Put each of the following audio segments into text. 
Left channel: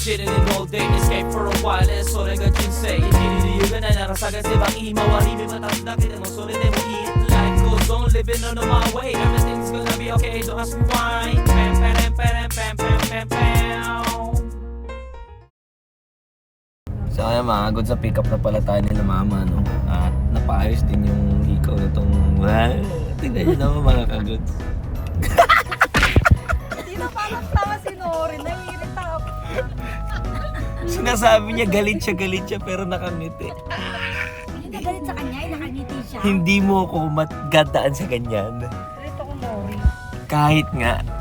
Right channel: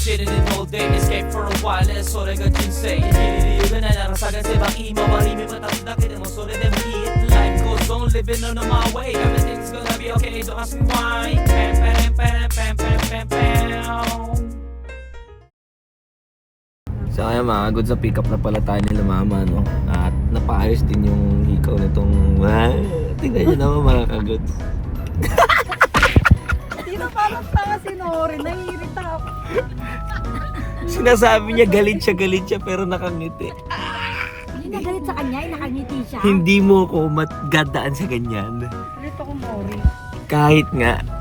chilling in all day, escape for a while, それが人生生きる理由がないなら探せばいい周り見渡すだけでもそれでもいい Life goes on, living on my way, everything's gonna be okay, don't ask me why. Pam pam pam pam pam pam pam. So kaya mga good, sa pick up na pala tayo nila mama, no? At napaayos din yung hikaw na itong tingnan nyo naman mga kagods. Hindi na parang tanga si Nori, nahihirita ako. Sinasabi niya galit siya pero nakangiti. Hindi na galit sa kanya, nakangiti siya. Hindi mo ko matgadaan sa ganyan. Galit ako, Nori.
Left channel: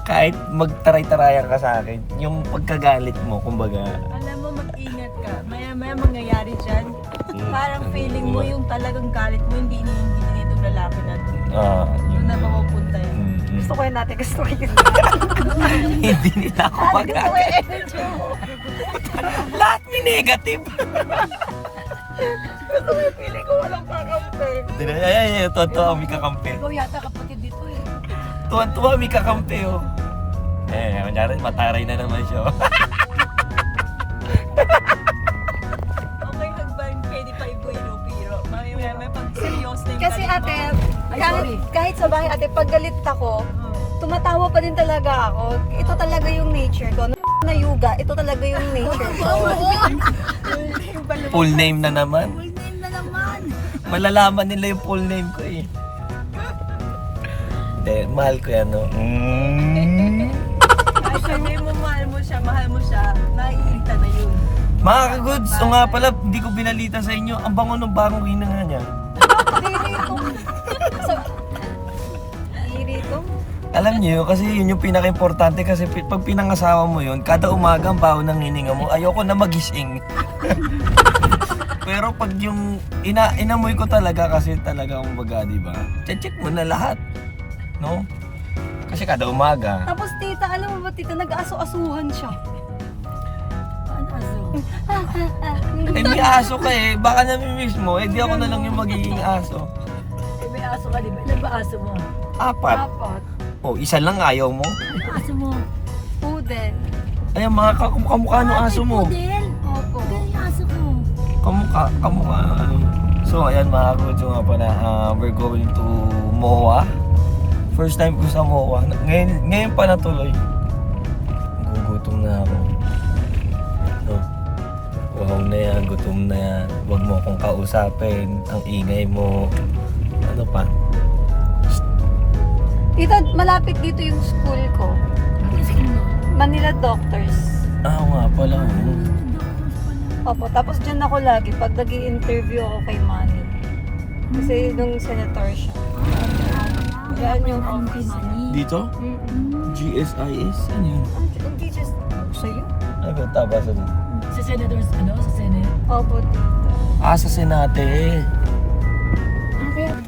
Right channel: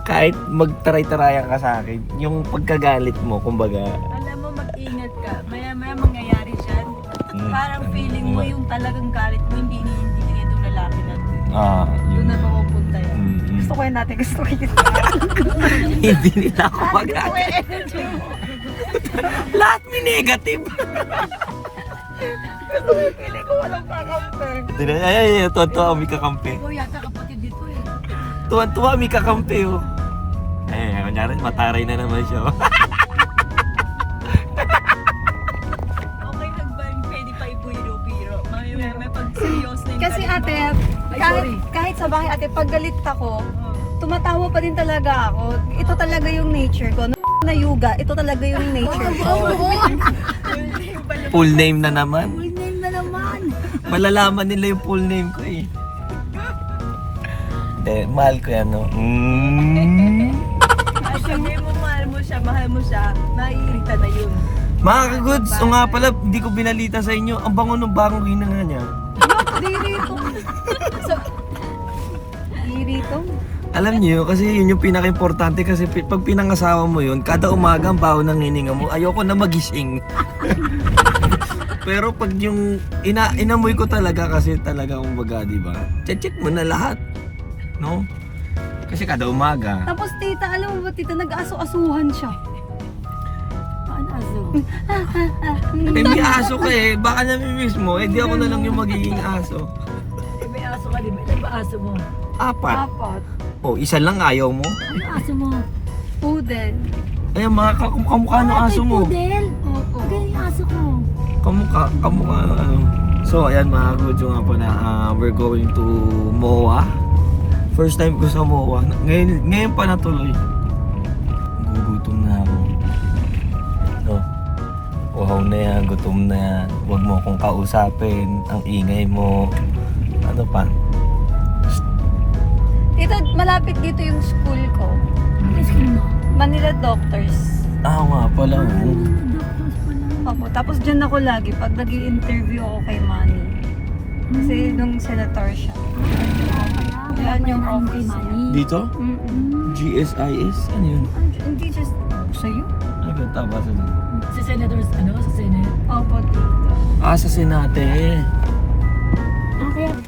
Kahit magtaray-tarayan ka sa akin, yung pagkagalit mo, kumbaga, Alam mo, mag-ingat ka. Maya-maya mangyayari dyan. Parang feeling mo yung talagang galit mo, hindi na itong lalaki na. Doon na makapunta yan. Gusto ko yan natin, gusto ko yan. hindi nila ako Gusto ko magagalit. yung energy mo. Lahat ni negative. Feeling ko walang kakampi. Ay, tuwan-tuwa may kakampi. Ikaw yata kapatid dito eh. Tuwan-tuwa may kakampi, oh. Kunyari, mataray na naman siya. Okay lang ba yung pwede pa ibuiro-biro? May pag seryoso yung Kasi galit ate, mo. Ay, sorry. kahit sa bahay ate, pag galit ako, tumatawa pa din talaga ako. Ito talaga yung nature ko. Na yuga, ito talaga yung nature ko. Full name na naman. Full name na naman. Malalaman nila yung full name ko eh. Hindi, mahal ko yan, no? Actually, mahal mo siya, naiirita na yun. Mga kagods, o nga pala, hindi ko binalita sa inyo, ang bango ng bagong ginanga niya. Dirito. So, dirito. Alam niyo, kasi yun yung pinaka-importante kasi pag pinangasawa mo yun, kada umaga ang baho ng hininga mo, ayoko na magising. Pero pag yung inamoy ko talaga kasi talaga kumbaga, di ba? Check mo na lahat, no? Kasi kada umaga. Tapos tita, alam mo ba tita, nag-aso-asuhan siya. Paano aso? Eh, may aso ka eh, baka namimiss mo, eh di ako na lang yung magiging aso. May aso ka, di ba? Ilan ba aso mo? 4. Apat. O, isa lang ayaw mo. Ano aso mo? Poodle. Ay, mga kamukha ng aso mo. Poodle? Opo. Ganyan yung aso ko. Kamukha ano. So, ayan mga kudyo nga pala, we're going to MOA. First time ko sa MOA. Ngayon pa natuloy. Gugutom na ako. No? Wow na yan, gutom na yan. Huwag mo akong kausapin. Ang ingay mo. Ano pa? Tita, malapit dito yung school ko. Manila Doctors. Nga pala. Opo, tapos dyan ako lagi pag nag-i-interview ako kay Manny. Kasi nung senator siya. Yan yung office niya. Dito? GSIS? Ano yun? Hindi just sa'yo? Ano ba tabasa dito? Sa senators, sa senate? Opo, tita. Sa Senate. Okay.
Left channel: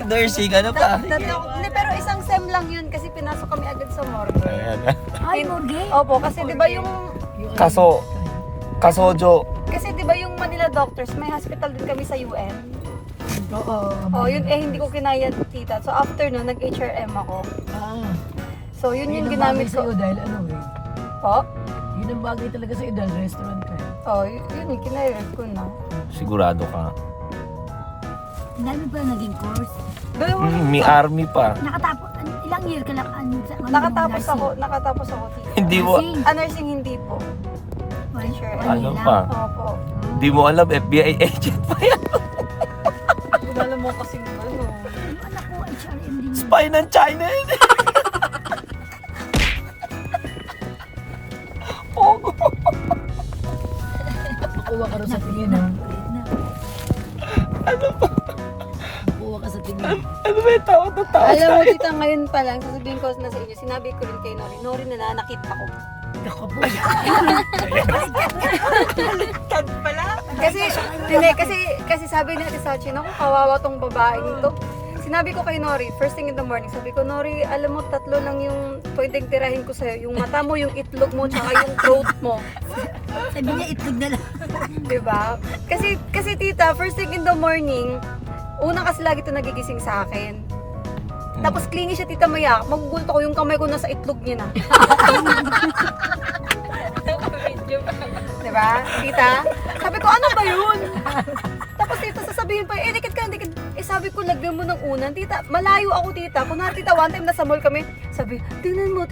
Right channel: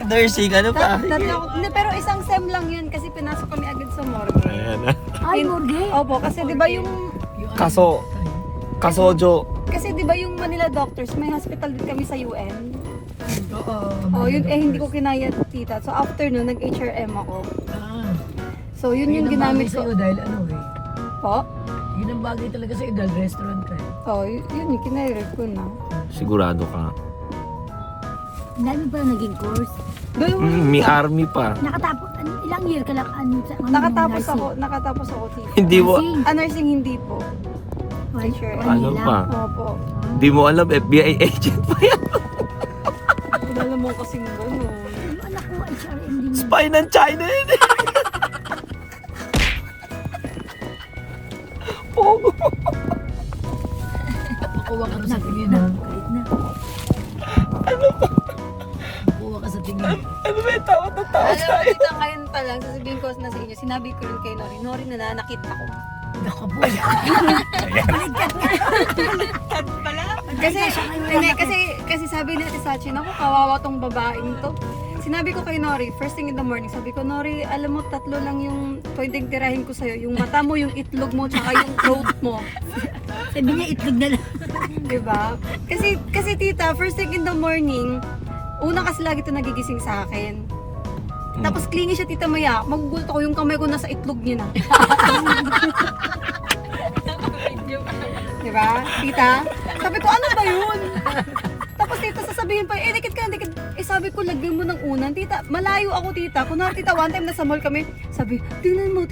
Nursing, ano pa? Sige. Hindi, pero isang sem lang yun kasi pinasok kami agad sa morgue. Ayan. Ay, morgue? Opo, kasi di ba yung... Kasojo. Kasi di ba yung Manila Doctors, may hospital din kami sa UN. Oo. Oh, yun eh hindi ko kinaya tita. So after nun, nag-HRM ako. So yun yung ginamit ko. sa'yo dahil ano eh. Po? Yun ang bagay talaga sa'yo dahil restaurant ka eh. Oh, yun yung kinaya ko na. Sigurado ka. Ang dami pa naging course. May army pa. Nakatapos, ilang year ka lang Nakatapos ako tita. Hindi mo, Nursing hindi po. ano pa? Opo. Hindi mo alam, FBI agent pa yan. Alam mo kasing gano'n. Yung anak ko, HRM din. Spy ng China yun. Pogo. Makuha ka rin sa tingin ha. Kahit na. Makuha ka sa tingin. Ano ba yung tao na tao? Alam mo tita, ngayon pa lang, sasabihin ko na sa inyo, sinabi ko rin kay Nori, Nori nananakit ako. Naku po. Kasi sabi ni Ate Sachi, naku, kawawa tong babaeng to. Sinabi ko kay Nori, first thing in the morning, sabi ko, Nori, alam mo, 3 lang yung pwedeng tirahin ko sa'yo. Yung mata mo, yung itlog mo, tsaka yung throat mo. Sabi niya, itlog na lang. Diba? Kasi tita, first thing in the morning, una kasi lagi ito nagigising sa akin. Tapos clingy siya tita Maya, magugulto ko yung kamay ko nasa itlog niya na. Di ba? Tita? Sabi ko, ano ba yun? Tapos tita, sasabihin pa, dikit ka, dikit. Sabi ko, lagyan mo ng unan. Tita, malayo ako tita. Kunwari tita, one time nasa mall kami. Sabi, tingnan mo.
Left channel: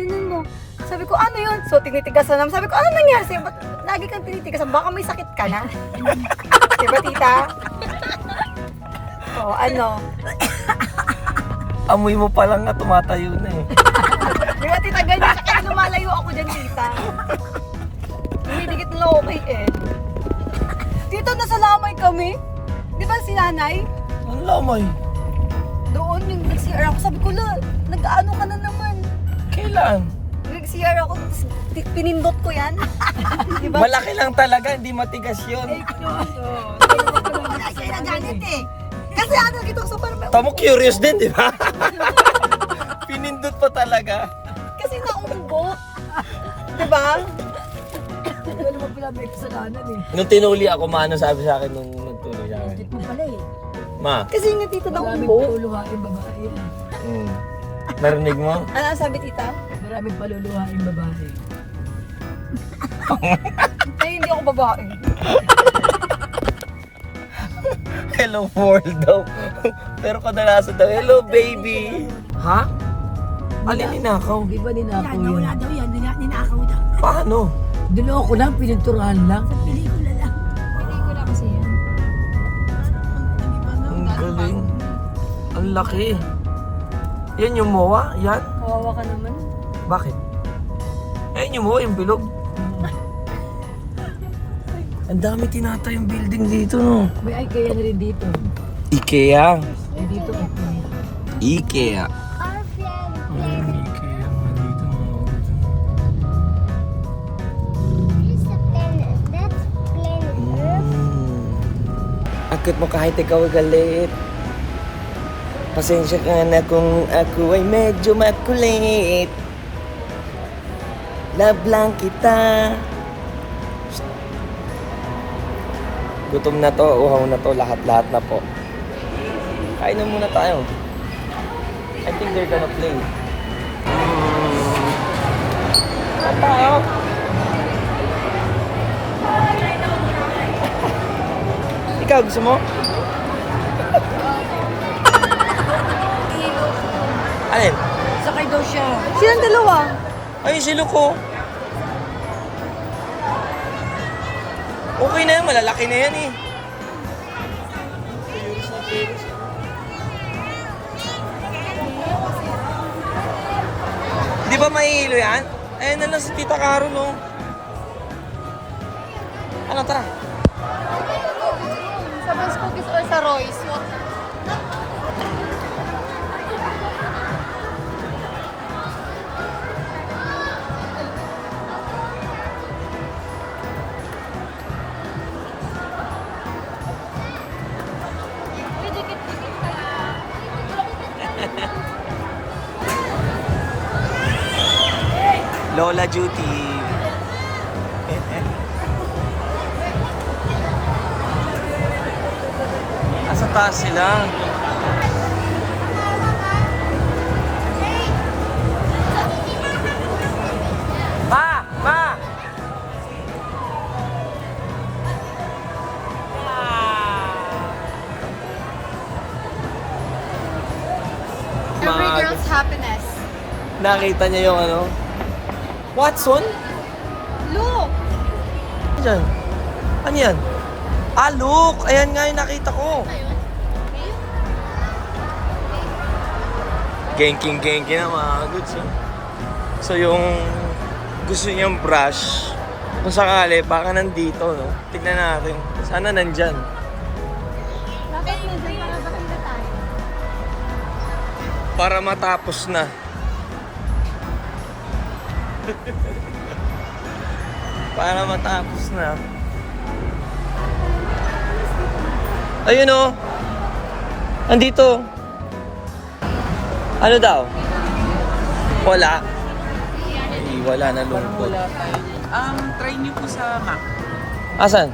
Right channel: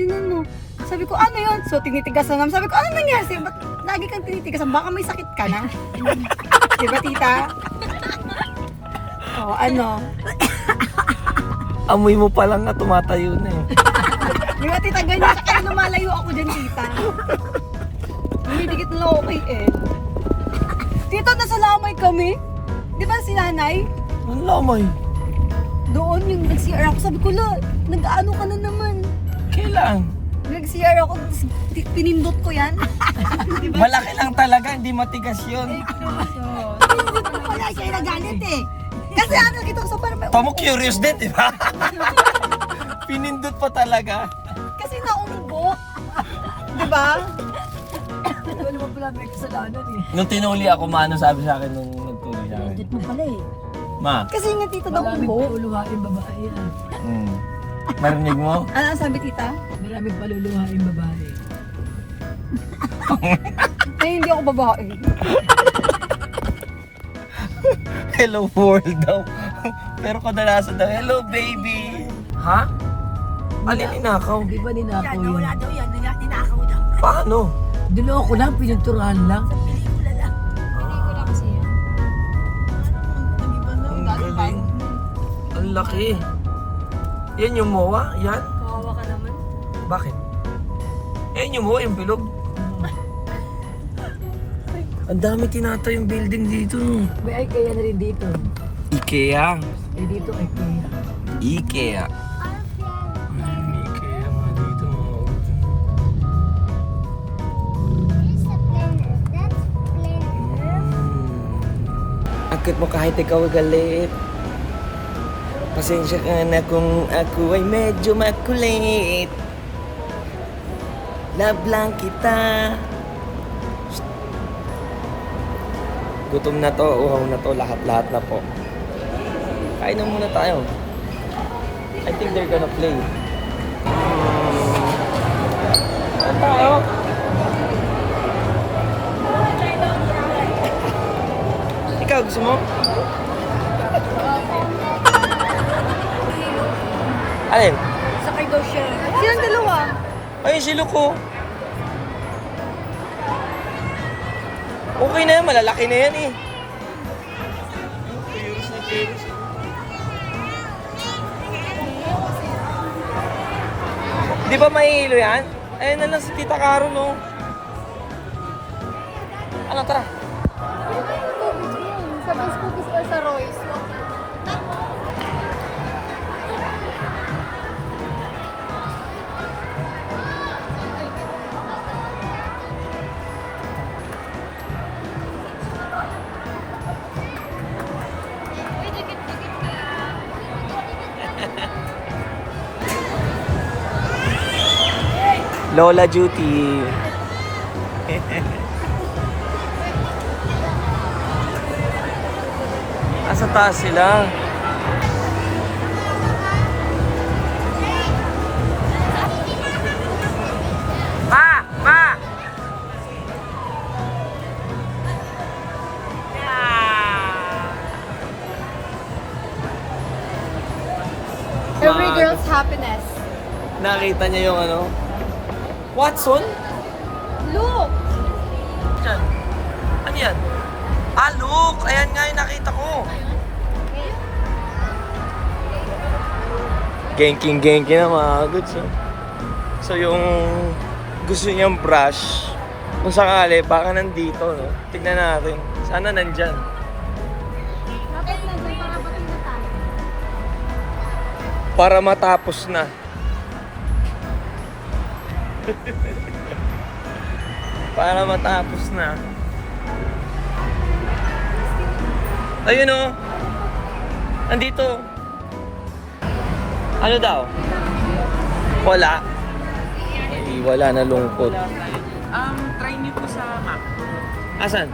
Sabi ko, ano yun? So, tinitigasan naman. Sabi ko, ano nangyari? Ba't lagi kang tinitigasan? Baka may sakit ka na. Di ba tita? O, ano? Amoy mo pa lang na tumatayo na eh. Di ba tita, ganyan siya. Kaya lumalayo ako dyan tita. Dumidikit na lang ako kay Ed. Tita, nasa lamay kami. Di ba si nanay? Ang lamay. Doon yung nag-CR ako. Sabi ko, nag-ano ka na naman. Kailan? Nag-CR ako, tapos pinindot ko yan. Diba? Malaki lang talaga, hindi matigas yun. Wala siya nagalit eh. Kasi ano, ito so parang, Tamo curious din, di ba? Pinindot pa talaga. kasi naumubo. Diba? Wala mo pala may kasalanan eh. Nung tinuli ako, maano sabi sa akin nung nagtuloy sa akin? Tit mo pala eh. Ma, Kasi nga tita daw Maraming umubo. paluluhain babae yan. narinig mo? Ano ang sabi tita? Maraming paluluhain babae. Ay, hindi ako babae. Hello world daw. Pero kadalasan daw, hello baby. Ha? Alin ninakaw? Di ba ninakaw Yan, nawala yan? daw yan. Ninakaw daw. Paano? Duloko lang, pininturahan lang. Pelikula lang. Pelikula kasi yan. Ang galing. Ang laki. Yan yung mowa? Yan? Kawawa ka naman. Bakit? Yan yung mowa, yung bilog. Ang dami tinatayong building dito, no? May IKEA na rin dito. IKEA. Eh dito IKEA. IKEA. IKEA nga dito, mga Akit mo kahit ikaw galit. Pasensya ka na kung ako ay medyo makulit. Love lang kita. Gutom na to, uhaw na to, lahat-lahat na po. Kain na muna tayo. I think they're gonna play. Ano tayo? Ikaw, gusto mo? Alin? Sakay daw siya. Silang dalawa. Ay, si Luko. Okay na yan, malalaki na yan eh. Di ba mahihilo yan? Ayun na lang si Tita Caro, no? Ano, tara? Sa Bans Cookies or sa Royce? Lola Duty. Asa taas sila? Ma! Ma! Every Mag- girl's happiness. Nakita niya yung ano? Watson? Look! Diyan. Ano yan? Ah, look! Ayan nga yung nakita ko. Genking na mga goods. Oh. So yung gusto niyang brush, kung sakali, baka nandito, no? Tignan natin. Sana nandyan. Dapat nandiyan para batin na tayo. Para matapos na. Para matapos na. Ayun o. Andito. Ano daw? Wala. Ay, wala na lungkot. Try nyo po sa map. Asan?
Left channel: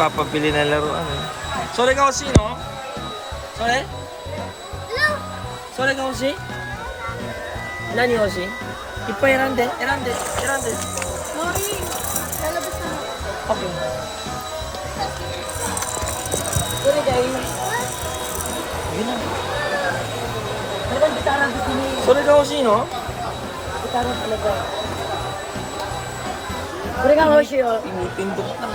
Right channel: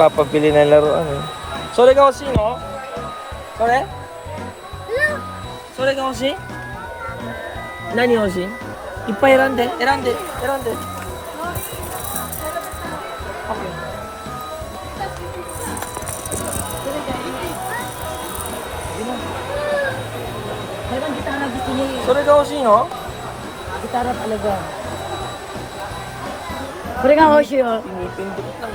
Nagpapabili ng laruan eh. Sore ka kasi, no? Sore? Sore ka kasi? Nani kasi? Ippa erande. Okay. Meron gitara gusto niya. Sore ka kasi, no? Gitara talaga. Bring ang Hoshi, oh. Pinipindot lang.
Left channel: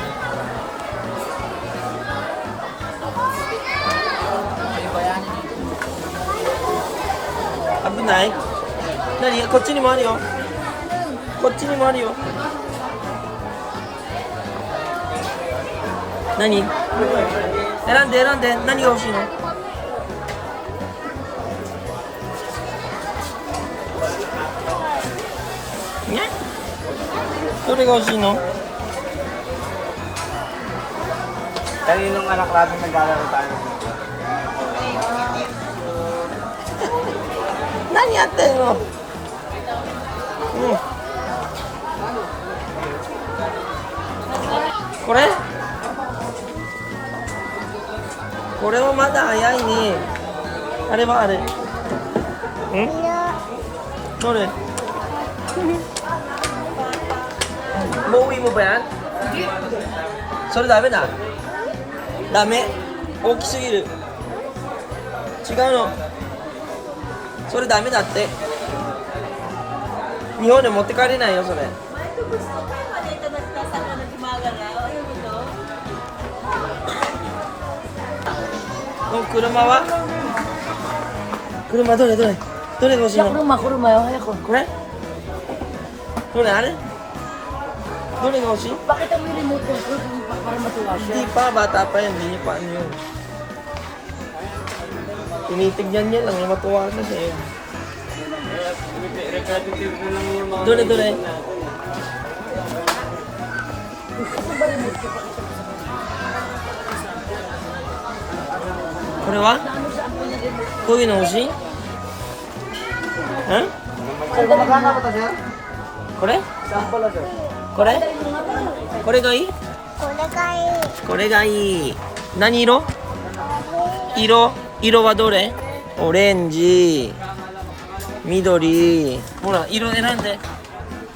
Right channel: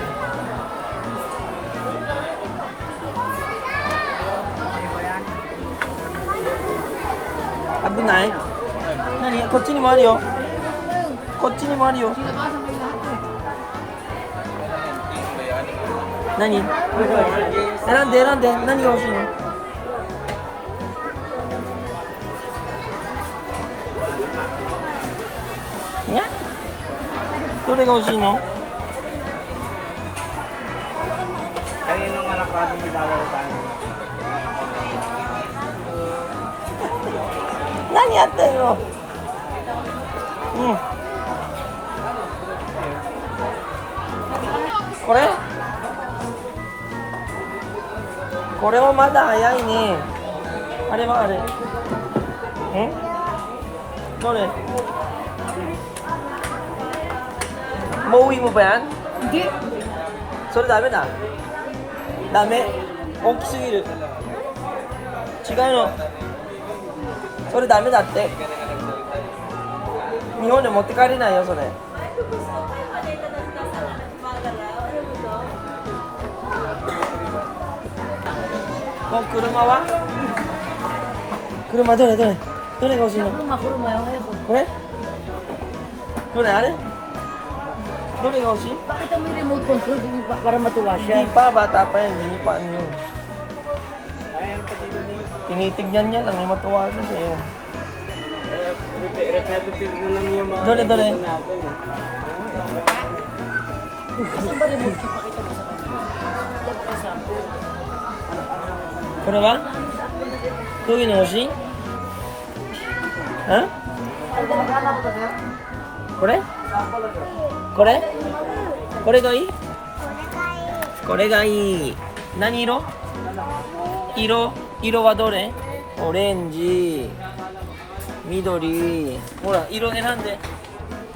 Abunay. Nani? こっちにもあるよ。こっちにもあるよ。何？選んで。何が欲しいの？ね？どれが欲しいの？ Kaninong anak natin may bala na tayo? 何やってんの？これ？これはまだ早いね。あれはあれ。どれ？もういいもばやん？それダメだ。ダメ。大きすぎる。違うの。それダメだって。日本で持って帰れないよそれ。の車は？車どれが欲しいの？ Kurma yung ako. これ？どれあれ？どれが欲しい？ Bakit mo yung remote control para matuwa siya? Hindi pa, bata pa yan, hindi pa ano yun. Tinitignan niya lang, matuwa na siya yun. Dole. Kore wa? こういうの欲しい？これ？これがいい？これがいい。何色？色はどれ？オレンジ、緑。ほら、色選んで。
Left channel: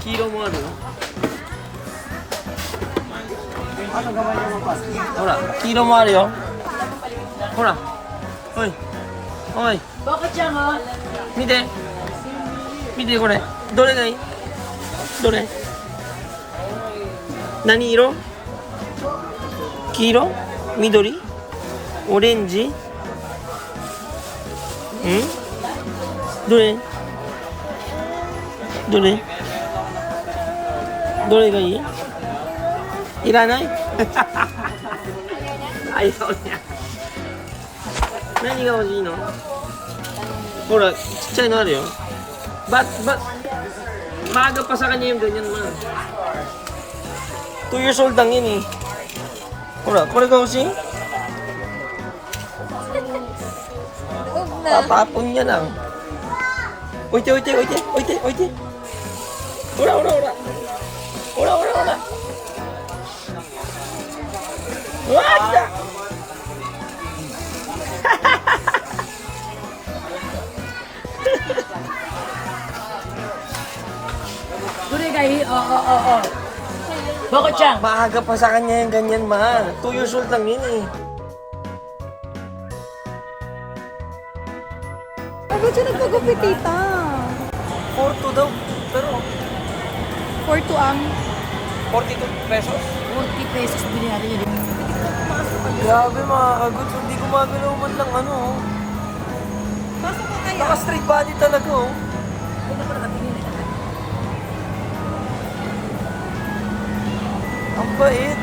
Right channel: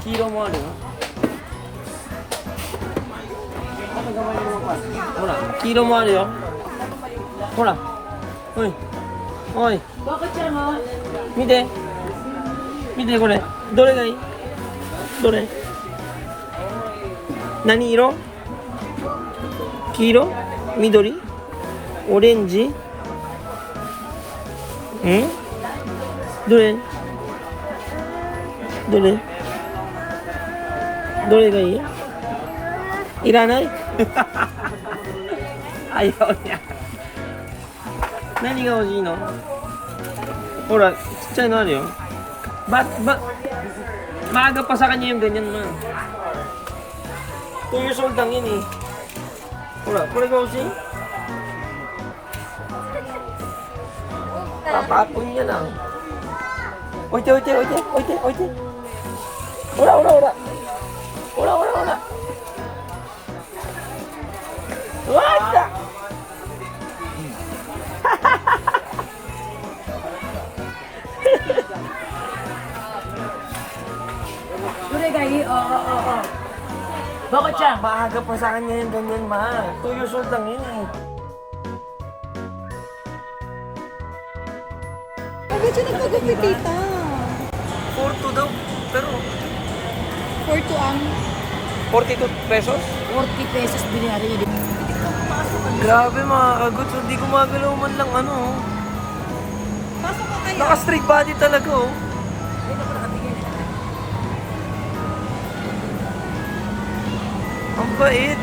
黄色もあるよ。ほら、黄色もあるよ。ほら。おい。Bakit siya nga? 見てこれ。どれがいい？どれ？何色？黄色？緑？オレンジ？どれがいい？いらない？ayaw niya。何が欲しいの？ほら、ちっちゃいのあるよ。Maaga pa sa kanya yung ganyan man. 2 years old lang yun eh. Hora, これが欲しい? Tapapon niya lang. 置いて。ほら。うわー来た。Bakit siya? Maaga pa sa kanya yung ganyan, ma. 2 years old lang yun eh. Bakit siya nagpagupit, tita? 42 daw. Pero 42 ang. 42 pesos? 40 pesos binili niya. Grabe mga kagots. Hindi gumagalaw man lang ano. Pasok ka kaya? Naka-straight body talaga oh. Ang bait.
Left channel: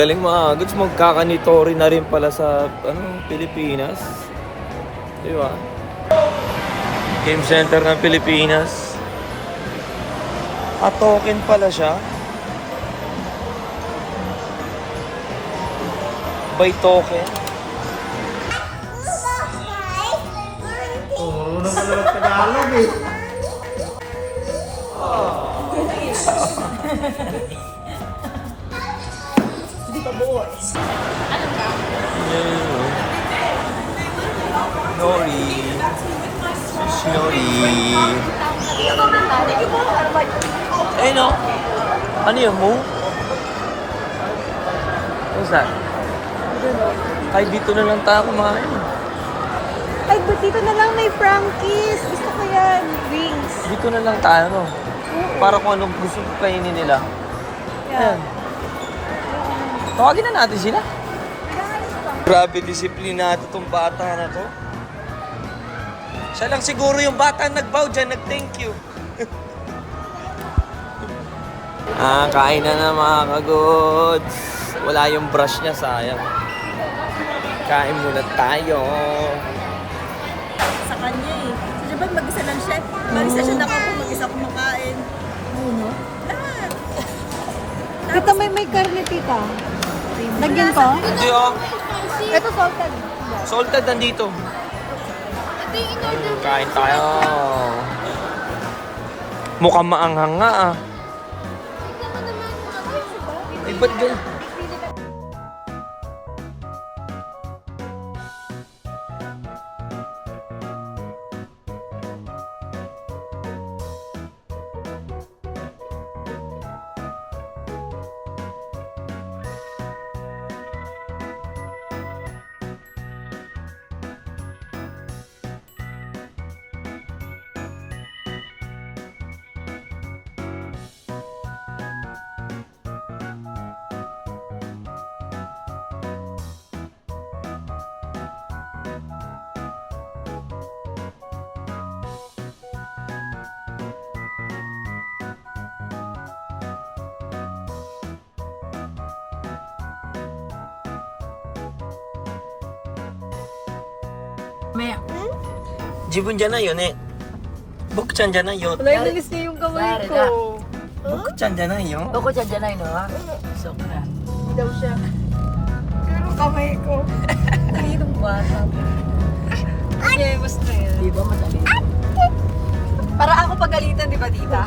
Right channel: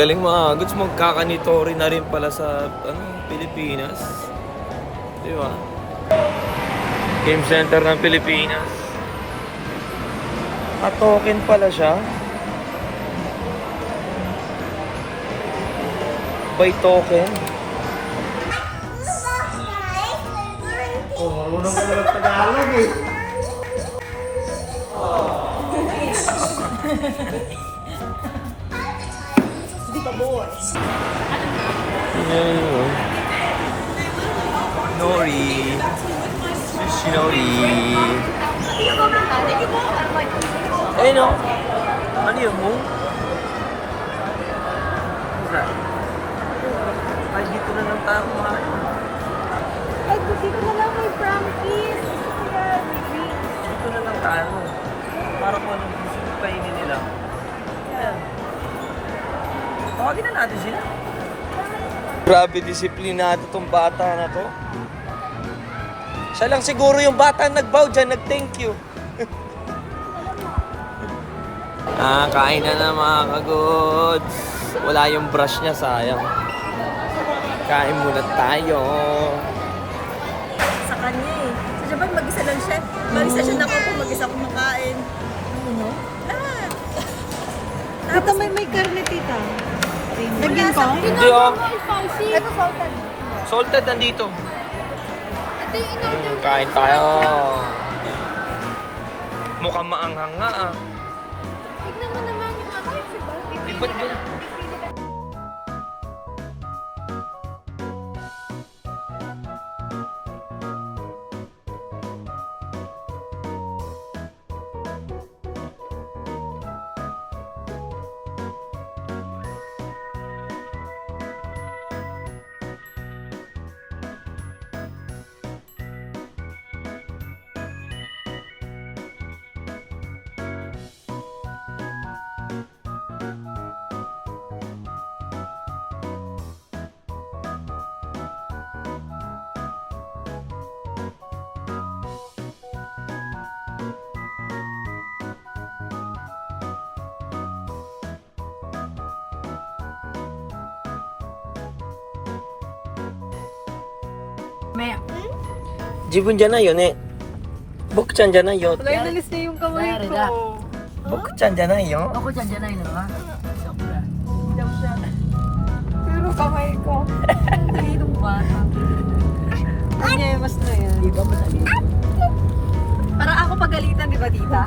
Galing mga kagots. Magkakanitori na rin pala sa Pilipinas. Di ba? Game center ng Pilipinas. Token pala siya. By token. Marunong ka na mag-Tagalog eh. Hindi Ayan. Nori. Si Nori. Eh no? Ano yun mo? What's that? Ay, dito na lang tayo kumain. Ay, dito na lang may Frankie's. Gusto ko yan. Wings. Dito na lang tayo, no? Para kung anong gusto kainin nila. Ayan. Tawagin na natin sila. Grabe, disiplinado tong bata na to. Siya lang siguro yung bata nag-bow dyan, nag-thank you. Kain na mga kagods. Wala yung brush niya, sayang. Kain muna tayo. Sa kanya eh. So, diba mag-isa lang siya? Mag-isa siya ako kung mag-isa kumakain. Ano? Lahat. Tita, may karne, tita. Nandiyan ka? Hindi oh. Ito salted. Salted nandito. Ito yung in-order. Kain tayo. Mukhang maanghang nga ah. Tignan mo naman yung ano. Eh, ba't ganun? Jibun dyan na yun eh. Bukchan dyan na yun. Wala, inalis niya yung kamay ko. Bukchan dyan na yun. Ako dyan dyan ay no, ha? Sobra. Daw siya. Pero kamay ko. Kaninong bata. Kanya, mas na yan. Di ba malaki? Para ako pagalitan, di ba, tita?